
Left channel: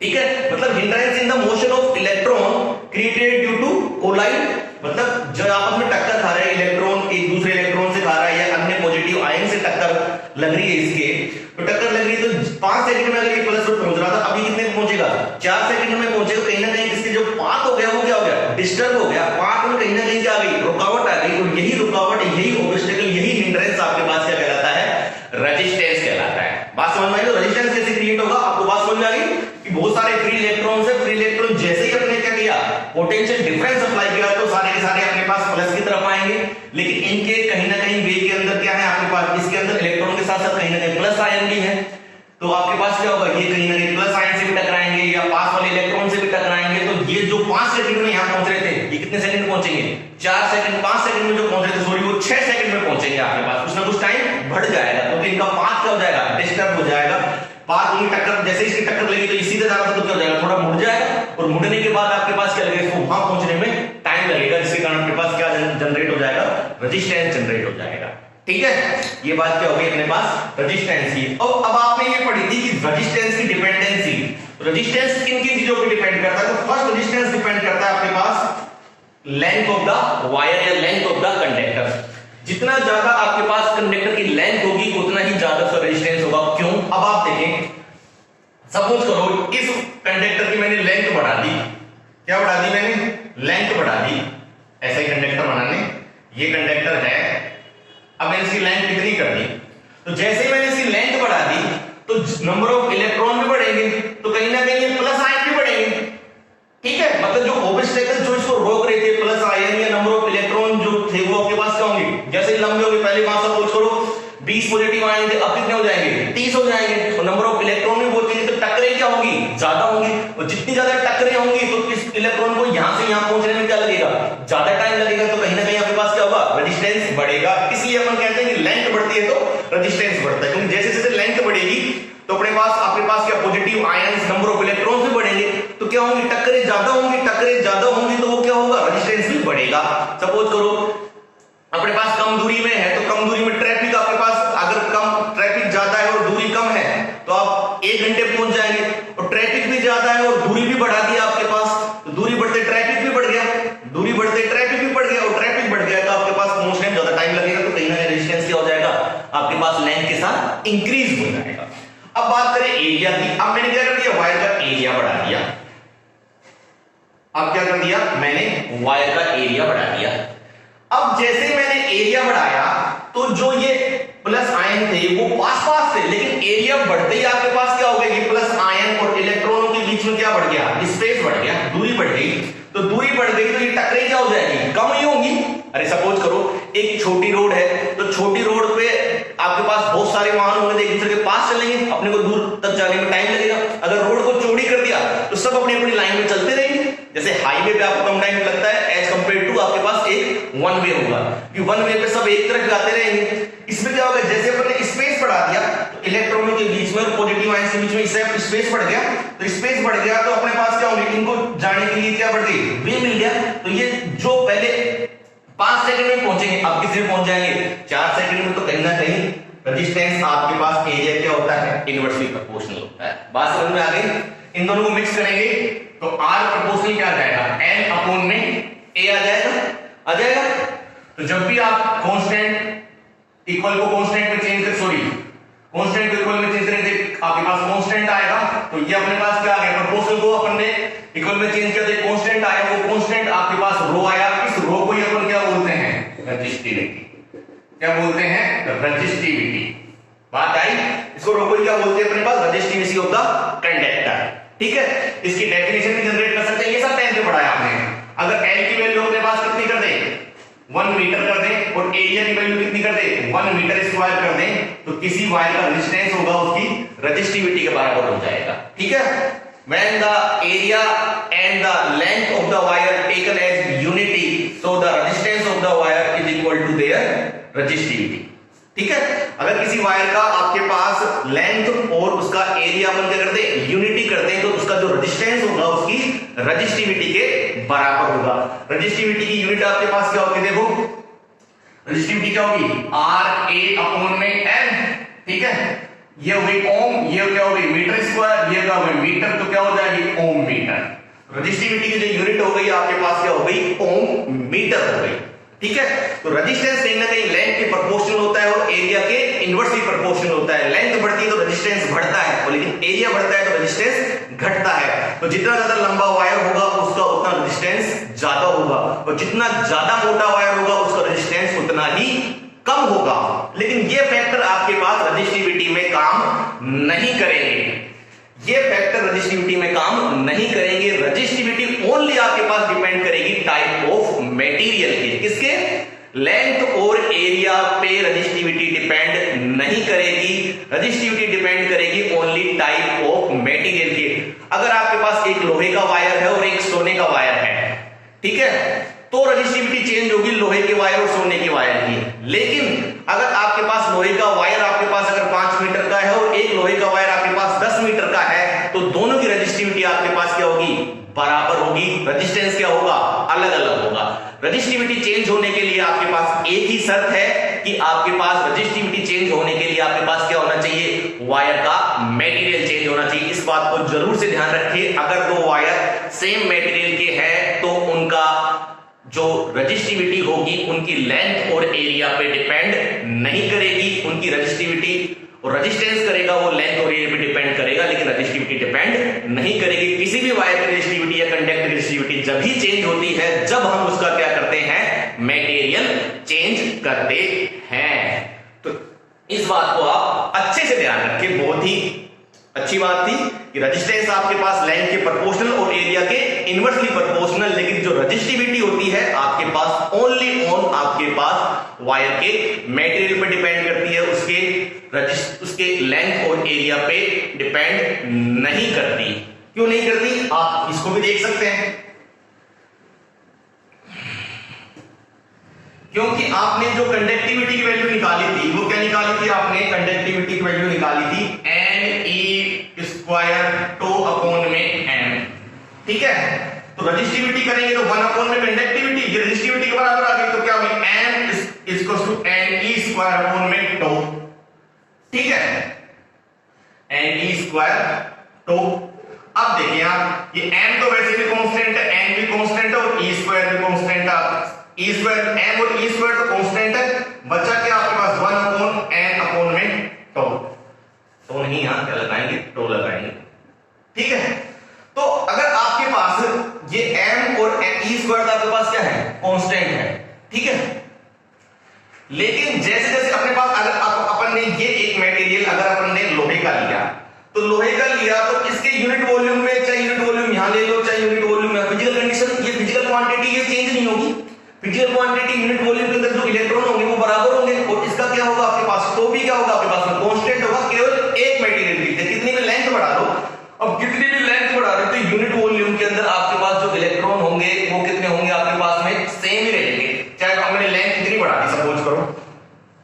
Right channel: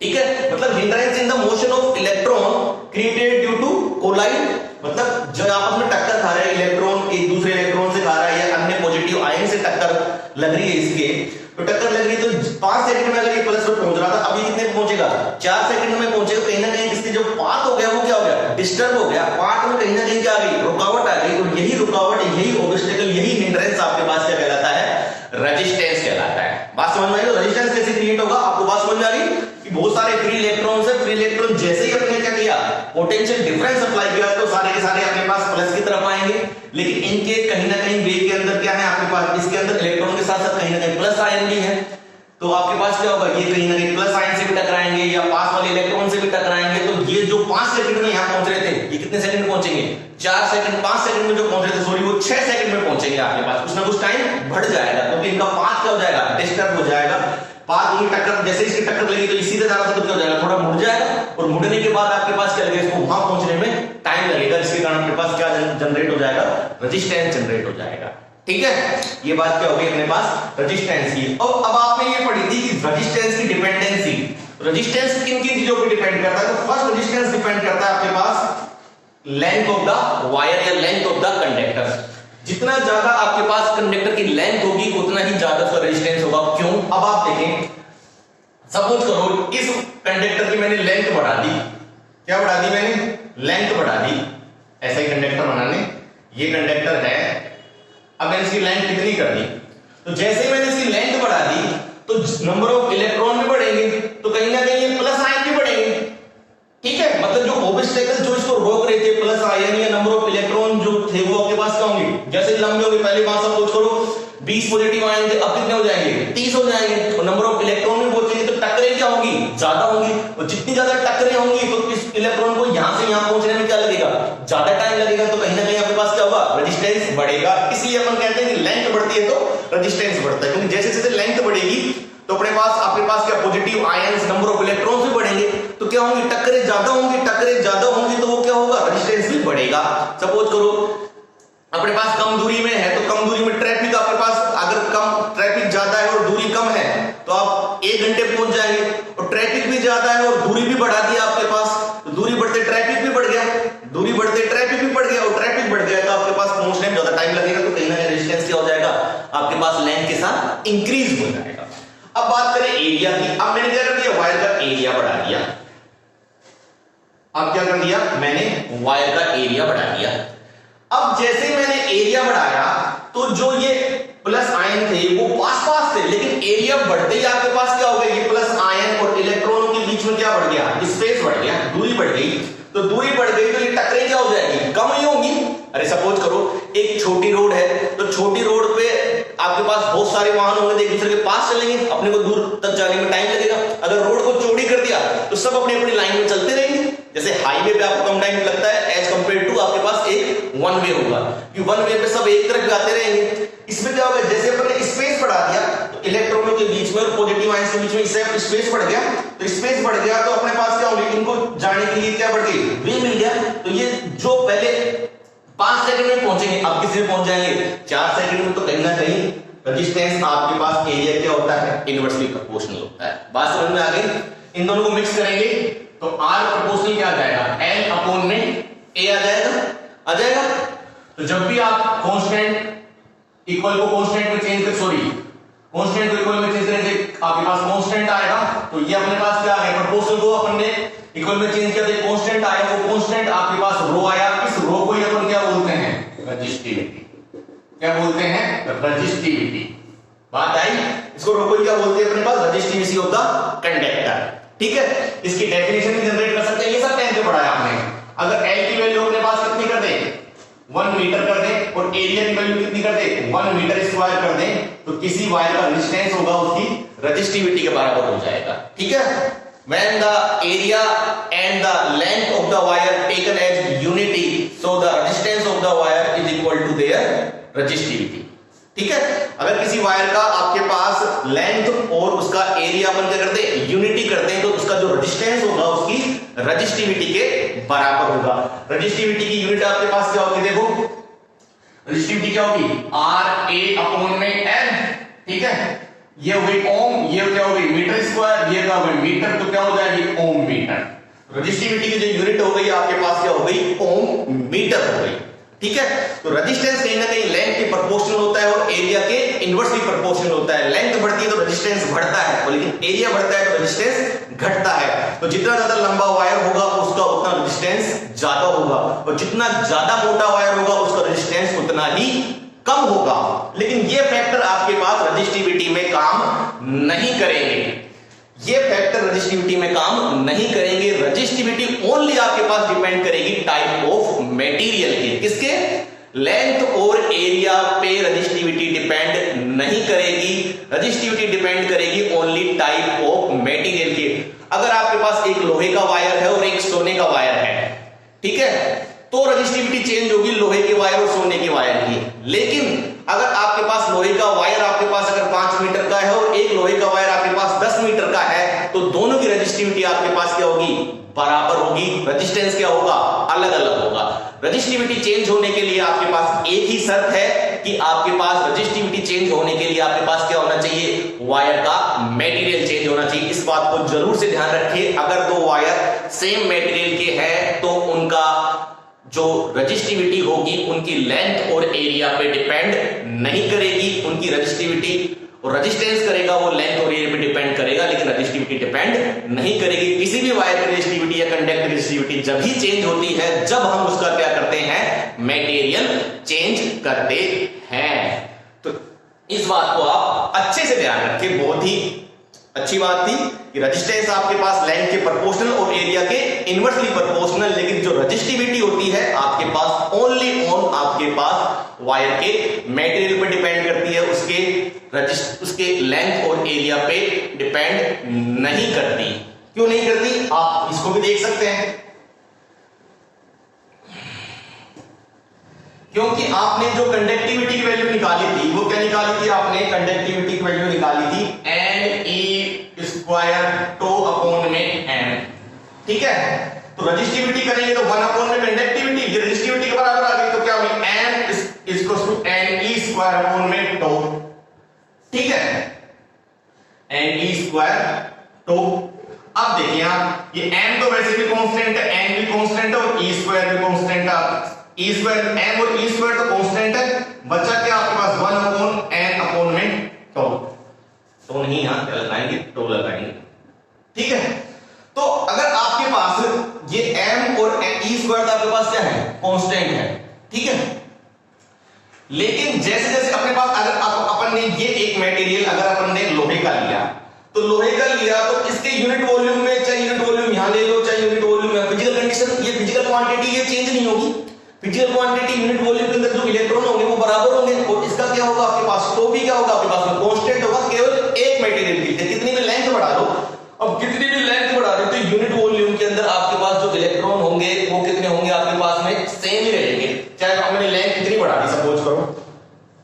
ठीक है। मतलब hindrance in the motion of electron created due to collide, मतलब जब आपस में टक्कर खा रहे हैं, इलेक्ट्रॉन एक दूसरे इलेक्ट्रॉन से खा रहा है या अन्य पॉजिटिव आयन से टक्कर लग रही है इसके, तो टक्कर लग रही है तो 5 सेकंड में अगर ये प्लस पर पहुंच रहा था, अभी कितने पहुंचेगा, 4 सेकंड में पहुंचेगा। कहीं ना कहीं इसके जो पाथ हो गया वो क्या हो गया, डिस्टर्ब हो गया, पाथ में कहीं ना कहीं क्या आ गई, रुकावट आ गई, और यही रुकावट, यही ऑब्स्टेकल, यही हिंड्रेंस आपके पास क्या कहलाता है, रेजिस्टेंस कहलाता है। बात समझ में आई, तो रेजिस्टेंस कैसे पोटेंशियल डिफरेंस अप्लाई किया तो सारे के सारे अपने पास प्लस की तरफ आएंगे, लेकिन इनके कहीं ना कहीं वेव के अंदर क्या है आपके पास, इसके अंदर इलेक्ट्रॉन के साथ साथ कहीं ना कहीं प्लस आयन भी है, तो आपके पास क्या होगा, ये कहीं ना कहीं प्लस आयन से भी टकराएंगे या पास वाले इलेक्ट्रॉन से भी टकराएंगे। तो ये जो 5 सेकंड में यहां पहुंच रहे थे, ये कितने सेकंड में पहुंचेंगे, 4 सेकंड, 5 सेकंड में जो पहुंच रहे थे सॉरी, वो 6 सेकंड में पहुंचेंगे आपके पास, कुछ ना कुछ टाइम बढ़ जाएगा, क्योंकि इनका पाथ क्या हो जाएगा, डिस्टर्ब हो जाएगा। पाथ उनकी टक्कर, जैसे इसकी टक्कर लगी तो ये सीधे जा रहा था तो क्या हो जाएगा, थोड़ा मुड़ जाएगा, और मुड़ने के बाद आपके पास क्या लगेगा, इसको वहां पहुंचने में टाइम लगेगा, जिसके कारण आपके पास क्या जनरेट हो जाएगा, रेजिस्टेंस जनरेट हो जाएगा। ठीक है, ये बात क्या होगी अपने पास रेजिस्टेंस की। और अब आपने ये पढ़ी थी कि रेजिस्टेंस की डिपेंडेंसी, रेजिस्टेंस किन किन चीजों पर डिपेंड करता है, तो फर्स्ट रेजिस्टेंस डिपेंड करता है आपके पास लेंथ ऑफ द वायर या लेंथ ऑफ द कंडक्टर। जितना ज्यादा आपके पास कंडक्टर की लेंथ होगी उतना ही ज्यादा उसका रेजिस्टेंस होगा। क्यों, अब आप देखें, सपोज करो इस कंडक्टर की मैंने लेंथ बढ़ा दी, क्या बढ़ा दी मैंने, लेंथ बढ़ा दी, ऐसा ही कंडक्टर बनाने, ये कंडक्टर है, अब मैंने इसकी लेंथ कितनी कर दी, तो जैसे मैंने इसकी लेंथ बढ़ा दी तो नंबर ऑफ इलेक्ट्रॉन भी बढ़ेंगे, तो कहीं ना कहीं ये प्लस आयन भी बढ़ेंगे। ठीक है, मतलब जो ऑब्स्टेकल जो इसको रोक रहे थे, प्लस आयन या नंबर ऑफ इलेक्ट्रॉन जो थे वो आपके पास क्या होंगे, जैसे लंबे होंगे, पहले बात सपोज करो 20 पॉजिटिव आयन थे, अब कितने हो जाएंगे, 30 हो जाएंगे, और नंबर ऑफ इलेक्ट्रॉन भी पहुंचेंगे तो टक्करें क्या होंगी, ज्यादा होंगी, और जितनी ज्यादा टक्करें होंगी तो इस इलेक्ट्रॉन को यहां से यहां पहुंचने में क्या लगेगा, ज्यादा टाइम लगेगा, तो कहीं ना कहीं आपके पास क्या होगा, रेजिस्टेंस बढ़ेगा। इसलिए अपन कहते हैं कि लेंथ बढ़ती है तो रेजिस्टेंस बढ़ता है, क्योंकि जैसे जैसे लेंथ बढ़ेगी तो अपने पास आपके पास क्या positive ions, number of electrons भी बढ़ेंगे, तो क्या होंगी, टक्करें ज्यादा होंगी, टक्करें ज्यादा होंगी तो वो क्या होगा, रेजिस्टेंस भी बढ़ेगा। सपोज करो अपने पास कम दूरी में है, तो कम दूरी में ट्रैफिक आपके पास, अगर कम ट्रैफिक ज्यादा है और दूरी कम है तो आप 1 घंटे पहुंच जाएंगे, और ट्रैफिक भी ज्यादा है और दूरी भी बढ़ा दी आपके पास, तो दूरी बढ़ते ट्रैफिक भी बढ़ गया, दूरी बढ़ते ट्रैफिक भी बढ़ गया, और ट्रैफिक बढ़ गया तो आपके पास पहुंचने में ज्यादा टाइम लगेगा, तो कहीं ना कहीं रेजिस्टेंस क्या हो जाएगा, आपके पास लेंथ के साथ इंक्रीज हो जाएगा। अब बात करें एरिया की, अब मैंने क्या कर दिया, वायर का एरिया बढ़ा दिया, अब क्या कर दिया मैंने, वायर का एरिया बढ़ा दिया। अब जैसे मैंने एरिया बढ़ाया तो जो ये प्लस आयन थे वो पास पास थे, लेकिन एरिया बढ़ते ही आपके पास क्या हो गया, ये प्लस आयन और इलेक्ट्रॉनों के बीच में क्या बढ़ गया, स्पेस बढ़ गया, दूरी बढ़ गई, तो दूरी बढ़ गई तो ये टक्करें क्या हो जाएगी, कम ही होंगी। अरे सपोज करो एक छोटी रोड है, तो छोटी रोड पे आपके पास बहुत सारे वाहन होंगे, एक दूसरे के पास चलेंगे, अपने को दूर तक जाने में टाइम लगेगा। अगर रोड को चौड़ी कर दिया तो सब अपनी अपनी लाइन में चलते रहेंगे, जैसे हाईवे पे आपको कम टाइम लगता है एज कंपेयर टू आपके पास एक वन वे होगा, कि वन वे पे सब एक तरफ जाते रहेंगे। इसमें क्या होगा, जैसे अपन ने स्पेस बढ़ा दिया तो इलेक्ट्रॉनों के बीच में और पॉजिटिव आयंस के बीच में इससे स्पेस बढ़ गया, तो स्पेस बढ़ गया तो अपने पास क्या होंगे, इनको जाने के लिए क्या बढ़ गई, वे मिल गया, तो ये जो पहले 5 सेकंड में पहुंचेंगे अब कितने में पहुंच जाएंगे, 4 सेकंड में, तो कहीं ना कहीं रेजिस्टेंस आपके पास एरिया क्या होता है, इनवर्सली प्रोपोर्शनल होता है। बात समझ में आ गई, इन दोनों को मिक्स करेंगे तो R प्रोपोर्शनल क्या आ जाएगा, L अपॉन में A आ जाएगा। तो जब भी आप कांस्टेंट इक्वल को कांस्टेंट में चेंज कर, सॉरी कांस्टेंट को इक्वल में चेंज करेंगे आपके पास कांस्टेंट आएगा, तो ये अपने पास क्या आ गया, प्रोपोर्शनल को अपन ने इक्वल में चेंज कर दिया, कांस्टेंट आया, वो कांस्टेंट आपके पास रो आया, इस रो को ही अपन क्या बोलते हैं, रेजिस्टिविटी। क्या बोलते हैं, रेजिस्टिविटी। बात आई, इसको रो को क्या बोलते हैं अपने पास, रेजिस्टिविटी ऑफ द कंडक्टर। ठीक है, इसकी डेफिनेशन भी जनरेट कर सकते हैं, ये सब 10th में पढ़ा है आपने। अगर L की वैल्यू अपने पास कितनी कर दें, 1 मीटर कर दें, और एरिया की वैल्यू कितनी कर दें, 1 मीटर स्क्वायर कर दें, तो किसी वायर का रेजिस्टेंस होगा उसकी रेजिस्टिविटी के बराबर हो जाएगा। ठीक है, when the area and the length of the wire taken as unity, so the resistance of the wire is equal to their resistivity। ठीक है, अगर किसी वायर का आपके पास लेंथ और उसका एरिया अपन क्या करते हैं, यूनिटी करते हैं, तो उसका जो रेजिस्टेंस होगा उसकी रेजिस्टिविटी के बराबर होगा। रेजिस्टिविटी की यूनिट आपके पास क्या होगी, देखो रेजिस्टिविटी क्या होगी, RA अपॉन में L। ठीक है, ये हो गई ओम, ये क्या हो गई मीटर स्क्वायर, ये क्या हो गई मीटर, तो क्या हो जाएगी ओम मीटर। रेजिस्टिविटी की जो यूनिट हो गई आपके पास क्या हो गई, ओम मीटर हो गई। ठीक है, तो रेजिस्टेंस कहीं ना कहीं लेंथ के प्रोपोर्शनल होता है और एरिया के इनवर्सली प्रोपोर्शनल होता है। लेंथ बढ़ती है तो रेजिस्टेंस बढ़ता है, और लेकिन एरिया बढ़ता है तो रेजिस्टेंस घटता है। तो जितना ज्यादा लंबा वायर होगा उसका उतना रेजिस्टेंस ज्यादा होगा, और जितना ज्यादा मोटा वायर होगा उसका रेजिस्टेंस उतना ही कम होगा। लेकिन ये फैक्टर आपके पास रेजिस्टिविटी में काम नहीं करेंगे। ये फैक्टर रजिस्टिविटी में काम नहीं करेंगे। रजिस्टिविटी ओनली आपके पास डिपेंड करेगी टाइप ऑफ मटेरियल के, किसके, लेंथ और एरिया पे रजिस्टिविटी डिपेंड नहीं करेगी। रजिस्टिविटी डिपेंड करेगी ओनली टाइप ऑफ मटेरियल के। अगर आपके पास एक लोहे का वायर है और एक सोने का वायर है, ठीक है, तो रजिस्टिविटी चेंज होगी लोहे के वायर और सोने के वायर की। लेकिन अगर आपके पास लोहे का वायर आपके पास अगर 5 मीटर का है और एक लोहे का वायर आपके पास 10 मीटर का है, तो दोनों की रजिस्टिविटी आपके पास क्या होगी, बराबर होगी। रजिस्टेंस क्या होगा, अलग अलग होगा। रजिस्टिविटी चेंज होने के लिए आपके पास एक ही शर्त है कि आपके पास रजिस्टिविटी चेंज होने के लिए आपके पास क्या होना चाहिए, वायर का मटेरियल चेंज होना चाहिए। इस बात को जरूर से ध्यान रखें। अगर दो वायर सेम मटेरियल के हैं तो उनका जो रजिस्टिविटी होगी उनकी लेंथ और एरिया पे डिपेंड नहीं करेगी। उनकी रजिस्टिविटी और रेजिस्टेंस करेगा वो लेंथ और एरिया पे डिपेंड करेगा, लेकिन रजिस्टिविटी डिपेंड नहीं करेगी। किसी भी वायर की रजिस्टिविटी या कंडक्टर की रजिस्टिविटी जब ही चेंज होती है जब हम उसका क्या करते हैं, मटेरियल चेंज करते हैं। तो इस बात को आप अच्छे से ध्यान रखें। बहुत ही अच्छी बात थी कि रेजिस्टेंस आपके पास लेंथ के प्रोपोर्शनल और एरिया के इनवर्सली प्रोपोर्शनल, लेकिन जो रजिस्टिविटी होती है आपके पास ओनली ऑन आपके पास वायर के मटेरियल पे डिपेंड करती है, उसके लेंथ और एरिया पे डिपेंड नहीं करती। क्यों नहीं करती, आप इसको भी देख सकते हैं। क्योंकि आपने जो कंडक्टिविटी की वैल्यू निकाली थी वो क्या निकाली थी, आपने कंडक्टिविटी की वैल्यू निकाली थी n² टो अपॉन में n, ठीक है। तो रजिस्टिविटी करेंगे तो 1 अपॉन में कंडक्टिविटी, ये रजिस्टिविटी के बराबर आ गई, तो क्या होगी n n e² अपॉन में टो, ठीक है, n e² टो। अब देखिए आप, ये m तो वैसे भी कांस्टेंट है, n भी कांस्टेंट है और e² भी कांस्टेंट है। e² m और e² तो कांस्टेंट है, बचा क्या आपके पास 1 अपॉन n अपॉन में टो। तो नहीं, यहां क्या लगाएंगे, टो लगाएंगे, ठीक है। तो अगर आपके पास ये m और e² आपके पास क्या है, कांस्टेंट है, ठीक है। लेकिन जैसे जैसे अपने पास अगर अपन ने ये एक मटेरियल अगर अपन ने लोहे का लिया, तो लोहे का लिया तो इसके यूनिट वॉल्यूम में, चाहे यूनिट वॉल्यूम यहां ले लो चाहे यूनिट वॉल्यूम में, फिजिकल कंडीशन, ये फिजिकल क्वांटिटी ये चेंज नहीं होगी। फिजिकल क्वांटिटी यूनिट वॉल्यूम के अंदर जो इलेक्ट्रॉन होंगे वो बराबर होंगे, और इसका क्या होगा आपके पास, तो भी क्या होगा आपके पास में कांस्टेंट होगा। केवल एक मटेरियल की कितनी भी लेंथ बढ़ा दो, अब कितनी भी लेंथ बढ़ा दो तो यूनिट वॉल्यूम के अंदर आपके पास जो इलेक्ट्रॉन होंगे वो कितने होंगे आपके पास में, सेम ही रहेंगे। चाहे हमने लेंथ कितनी बढ़ा दी सपोज करो,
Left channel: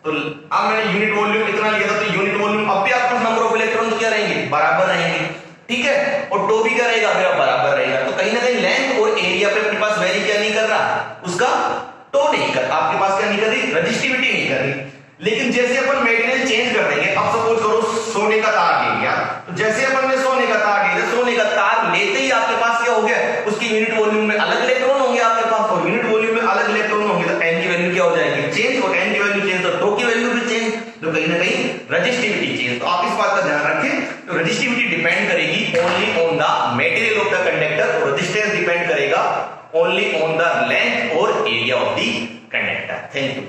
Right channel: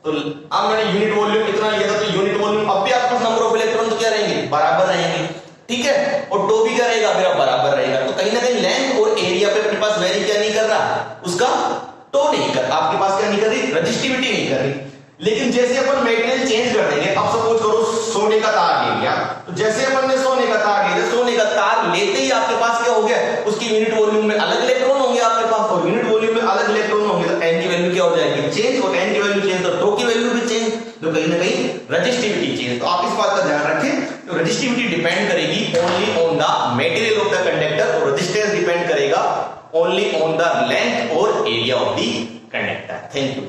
तो अब मैंने यूनिट वॉल्यूम इतना लिया था, तो यूनिट वॉल्यूम अब भी आपको नंबर ऑफ इलेक्ट्रॉन तो क्या रहेंगे, बराबर रहेंगे, ठीक है। और टो भी क्या रहेगा मेरा, बराबर रहेगा। तो कहीं ना कहीं लेंथ और एरिया पे अपने पास वेरी क्या नहीं कर रहा, उसका टो नहीं कर, आपके पास क्या नहीं कर रही, रजिस्टिविटी नहीं कर रही। लेकिन जैसे अपन मटेरियल चेंज कर देंगे, अब सपोज करो सोने का तार ले लिया, तो जैसे अपन ने सोने का तार ले लिया, सोने का तार लेते ही आपके पास क्या हो गया, उसकी यूनिट वॉल्यूम में अलग इलेक्ट्रॉन होंगे आपके पास, और यूनिट वॉल्यूम में अलग इलेक्ट्रॉन होंगे, तो n की वैल्यू क्या हो जाएगी, चेंज, और n की वैल्यू चेंज तो टो की वैल्यू भी चेंज, तो कहीं ना कहीं रजिस्टिविटी चेंज। तो आप इस बात का ध्यान रखें, तो रजिस्टिविटी डिपेंड करेगी only on the material of the conductor, और रेजिस्टेंस डिपेंड करेगा ओनली ऑन द लेंथ और area of the conductor. Thank you.